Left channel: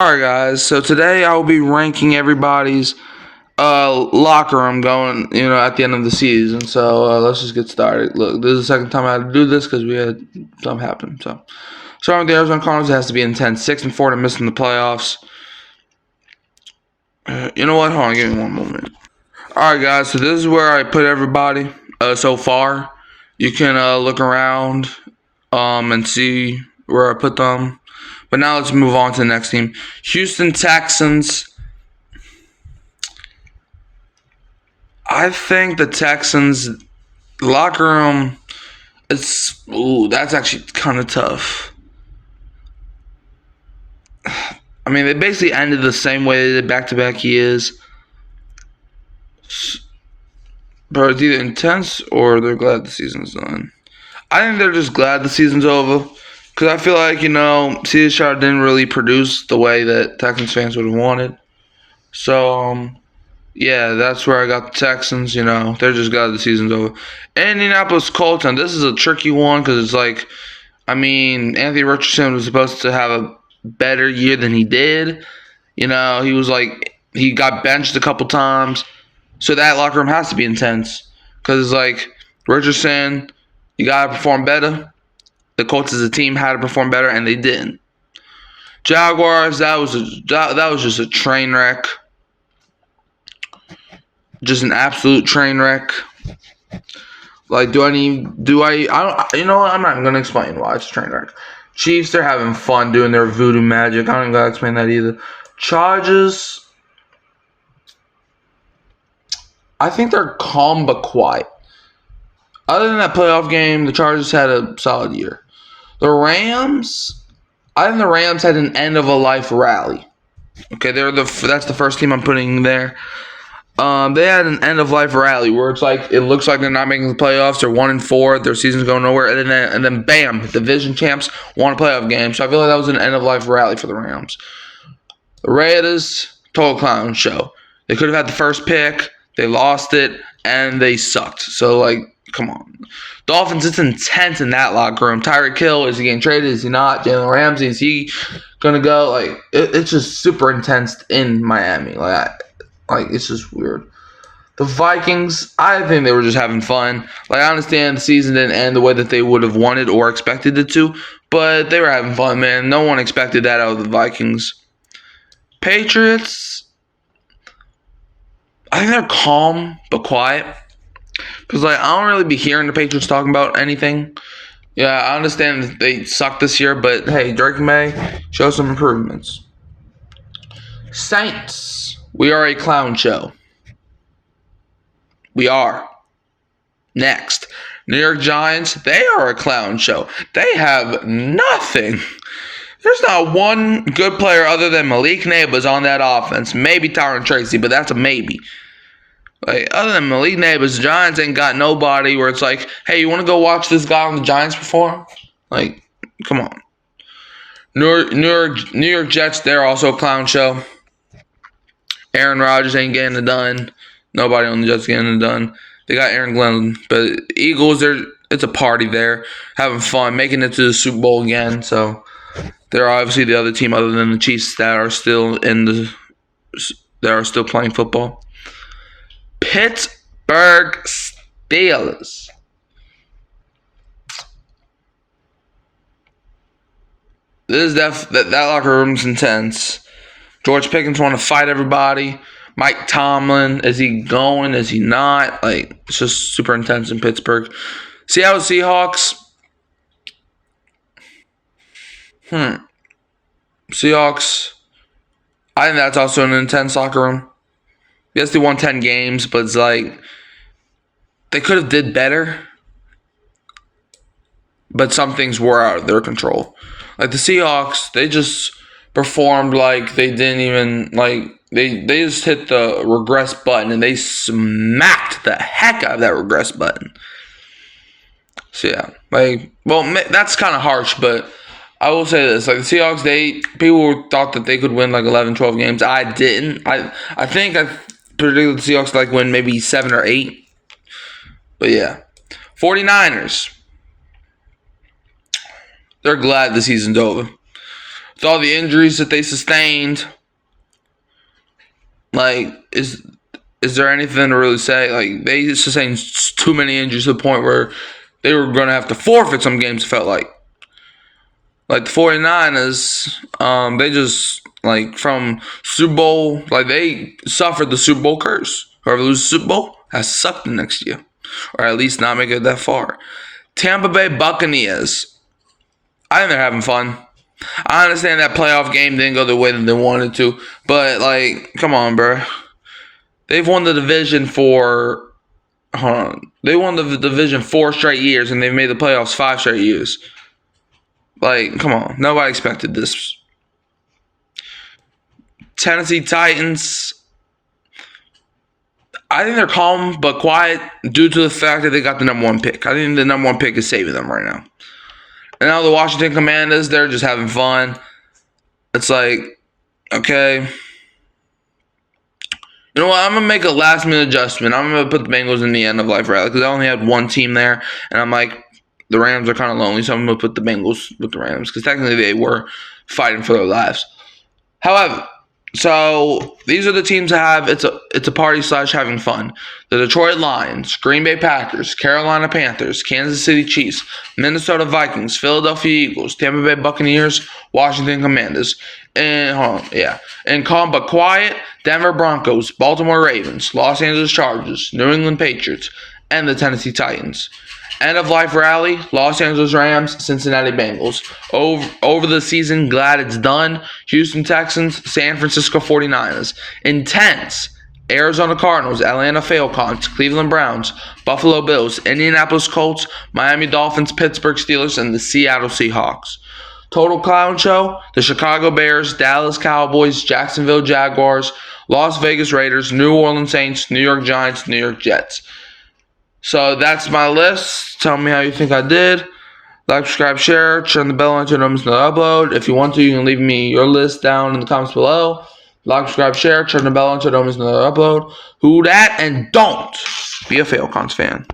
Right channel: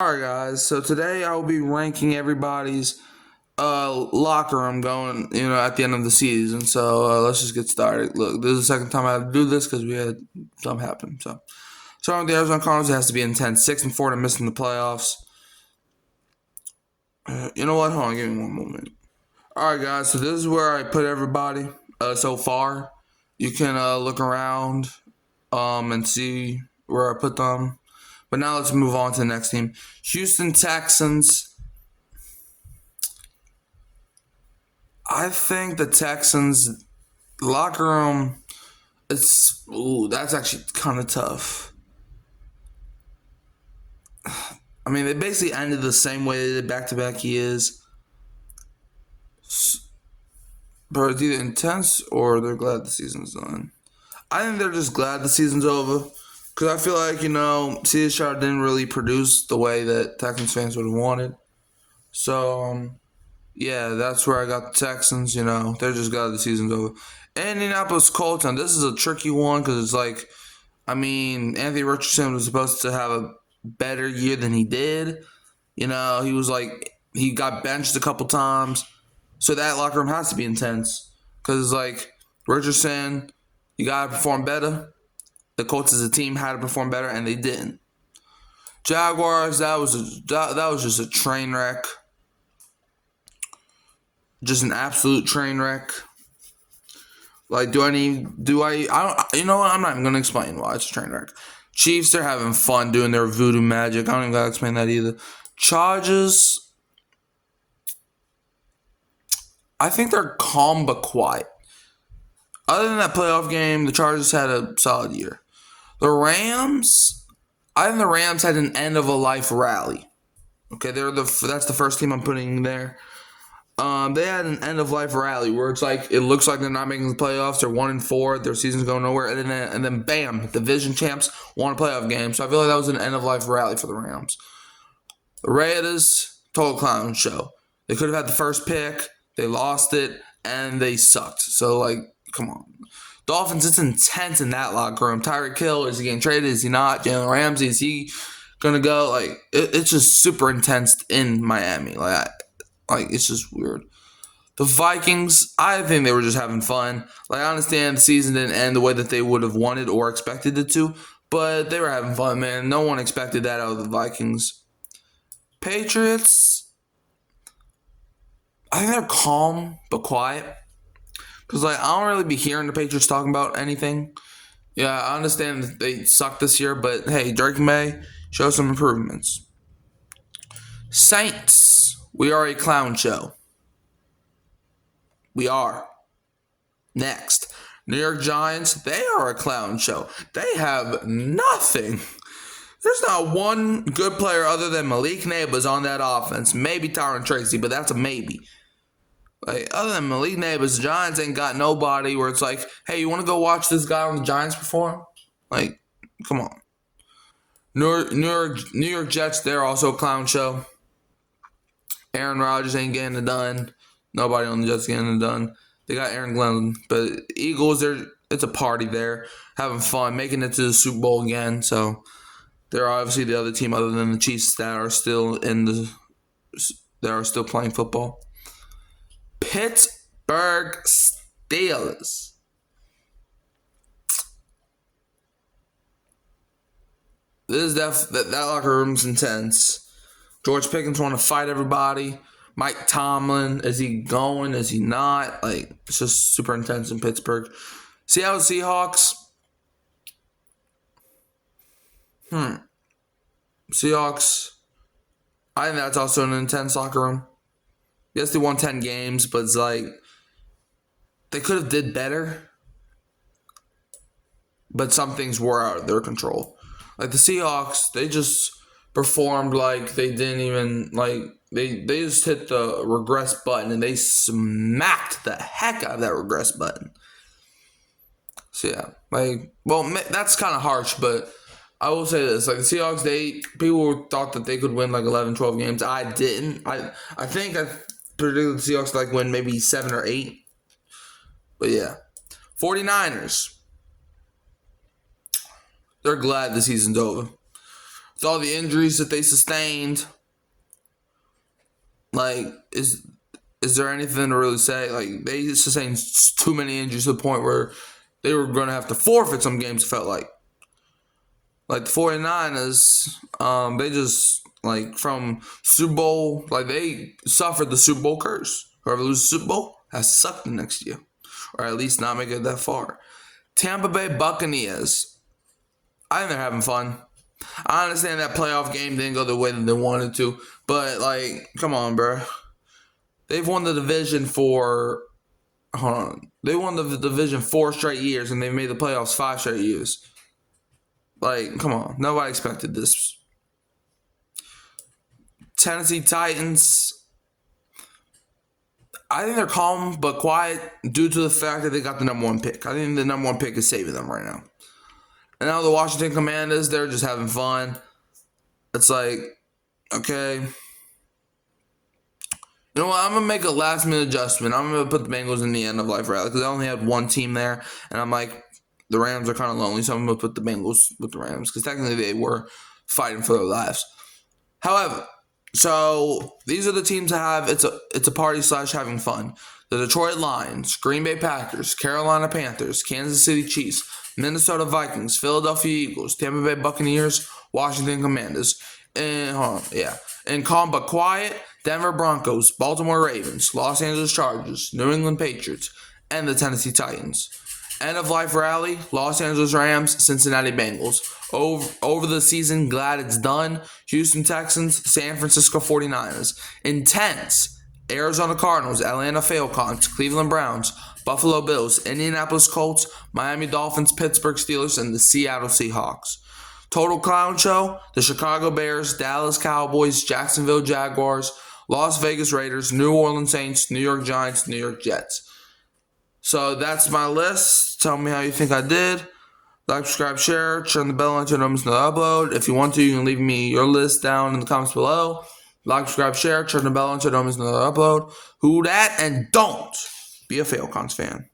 Alright guys, so today I will be ranking everybody's locker room going, at the end of the season. So let's just get started. Look, this is the second time I had to do this because we had something happen. So starting with the Arizona Cardinals, it has to be intense. 6-4 to missing the playoffs. You know what? Hold on, give me one moment. Alright guys, so this is where I put everybody so far. You can look around and see where I put them. But now let's move on to the next team. Houston Texans. I think the Texans locker room, that's actually kind of tough. I mean, they basically ended the same way they did back-to-back years. But it's either intense or they're glad the season's done. I think they're just glad the season's over. Because I feel like, C.J. Stroud didn't really produce the way that Texans fans would have wanted. So, yeah, that's where I got the Texans. They're just glad the season's over. Indianapolis Colts, and this is a tricky one because it's like, Anthony Richardson was supposed to have a better year than he did. He was like, he got benched a couple times. So that locker room has to be intense because, like, Richardson, you got to perform better. The Colts as a team had to perform better, and they didn't. Jaguars, that was just a train wreck. Just an absolute train wreck. Like, I don't, you know what? I'm not even going to explain why it's a train wreck. Chiefs, they're having fun doing their voodoo magic. I don't even got to explain that either. Chargers, I think they're calm but quiet. Other than that playoff game, the Chargers had a solid year. The Rams, I think the Rams had an end-of-a-life rally. Okay, that's the first team I'm putting there. They had an end-of-life rally where it's like it looks like they're not making the playoffs. They're 1-4. Their season's going nowhere, and then bam, division champs won a playoff game. So I feel like that was an end-of-life rally for the Rams. The Raiders, total clown show. They could have had the first pick. They lost it, and they sucked. So, like, come on. Dolphins, it's intense in that locker room. Tyreek Hill, is he getting traded? Is he not? Jalen Ramsey, is he going to go? Like, it's just super intense in Miami. Like, it's just weird. The Vikings, I think they were just having fun. Like, I understand the season didn't end the way that they would have wanted or expected it to, but they were having fun, man. No one expected that out of the Vikings. Patriots, I think they're calm but quiet. Because, like, I don't really be hearing the Patriots talking about anything. Yeah, I understand that they suck this year, but hey, Drake May, show some improvements. Saints, we are a clown show. We are. Next, New York Giants, they are a clown show. They have nothing. There's not one good player other than Malik Nabers on that offense. Maybe Tyron Tracy, but that's a maybe. Like, other than Malik Nabers, the Giants ain't got nobody where it's like, hey, you want to go watch this guy on the Giants perform? Like, come on. New York Jets, they're also a clown show. Aaron Rodgers ain't getting it done. Nobody on the Jets getting it done. They got Aaron Glenn, but Eagles, it's a party there, having fun, making it to the Super Bowl again. So they're obviously the other team other than the Chiefs that are still playing football. Pittsburgh Steelers. This is that locker room's intense. George Pickens want to fight everybody. Mike Tomlin, is he going? Is he not? Like, it's just super intense in Pittsburgh. Seattle Seahawks. Seahawks. I think that's also an intense locker room. Yes, they won 10 games, but it's like they could have did better. But some things were out of their control. Like the Seahawks, they just performed like they didn't even they just hit the regress button and they smacked the heck out of that regress button. So yeah, that's kind of harsh, but I will say this: like the Seahawks, people thought that they could win like 11, 12 games. I didn't. I think I predicted the Seahawks like win maybe 7 or 8. But yeah, 49ers. They're glad the season's over. with all the injuries that they sustained, like, is there anything to really say? Like, they sustained too many injuries to the point where they were going to have to forfeit some games, it felt like. Like, the 49ers, they just, like, from Super Bowl, like, they suffered the Super Bowl curse. Whoever loses the Super Bowl has sucked the next year, or at least not make it that far. Tampa Bay Buccaneers, I think they're having fun. I understand that playoff game didn't go the way that they wanted to, but, like, come on, bro. They've won the division for, hold on. They won the division 4 straight years, and they've made the playoffs 5 straight years. Like, come on. Nobody expected this. Tennessee Titans, I think they're calm but quiet due to the fact that they got the number 1 pick. I think the number 1 pick is saving them right now. And now the Washington Commanders, they're just having fun. It's like, okay. You know what? I'm going to make a last-minute adjustment. I'm going to put the Bengals in the end of life rally because I only had 1 team there. And I'm like, the Rams are kind of lonely, so I'm going to put the Bengals with the Rams because technically they were fighting for their lives. However, so these are the teams that have it's a party / having fun. The Detroit Lions, Green Bay Packers, Carolina Panthers, Kansas City Chiefs, Minnesota Vikings, Philadelphia Eagles, Tampa Bay Buccaneers, Washington Commanders, and calm but quiet, Denver Broncos, Baltimore Ravens, Los Angeles Chargers, New England Patriots, and the Tennessee Titans. End of life rally, Los Angeles Rams, Cincinnati Bengals. Over the season, glad it's done. Houston Texans, San Francisco 49ers. Intense, Arizona Cardinals, Atlanta Falcons, Cleveland Browns, Buffalo Bills, Indianapolis Colts, Miami Dolphins, Pittsburgh Steelers, and the Seattle Seahawks. Total clown show, the Chicago Bears, Dallas Cowboys, Jacksonville Jaguars, Las Vegas Raiders, New Orleans Saints, New York Giants, New York Jets. So that's my list. Tell me how you think I did. Like, subscribe, share, turn the bell on to notice another upload. If you want to, you can leave me your list down in the comments below. Like, subscribe, share, turn the bell on to notice another upload. Who dat, and don't be a Falcons fan.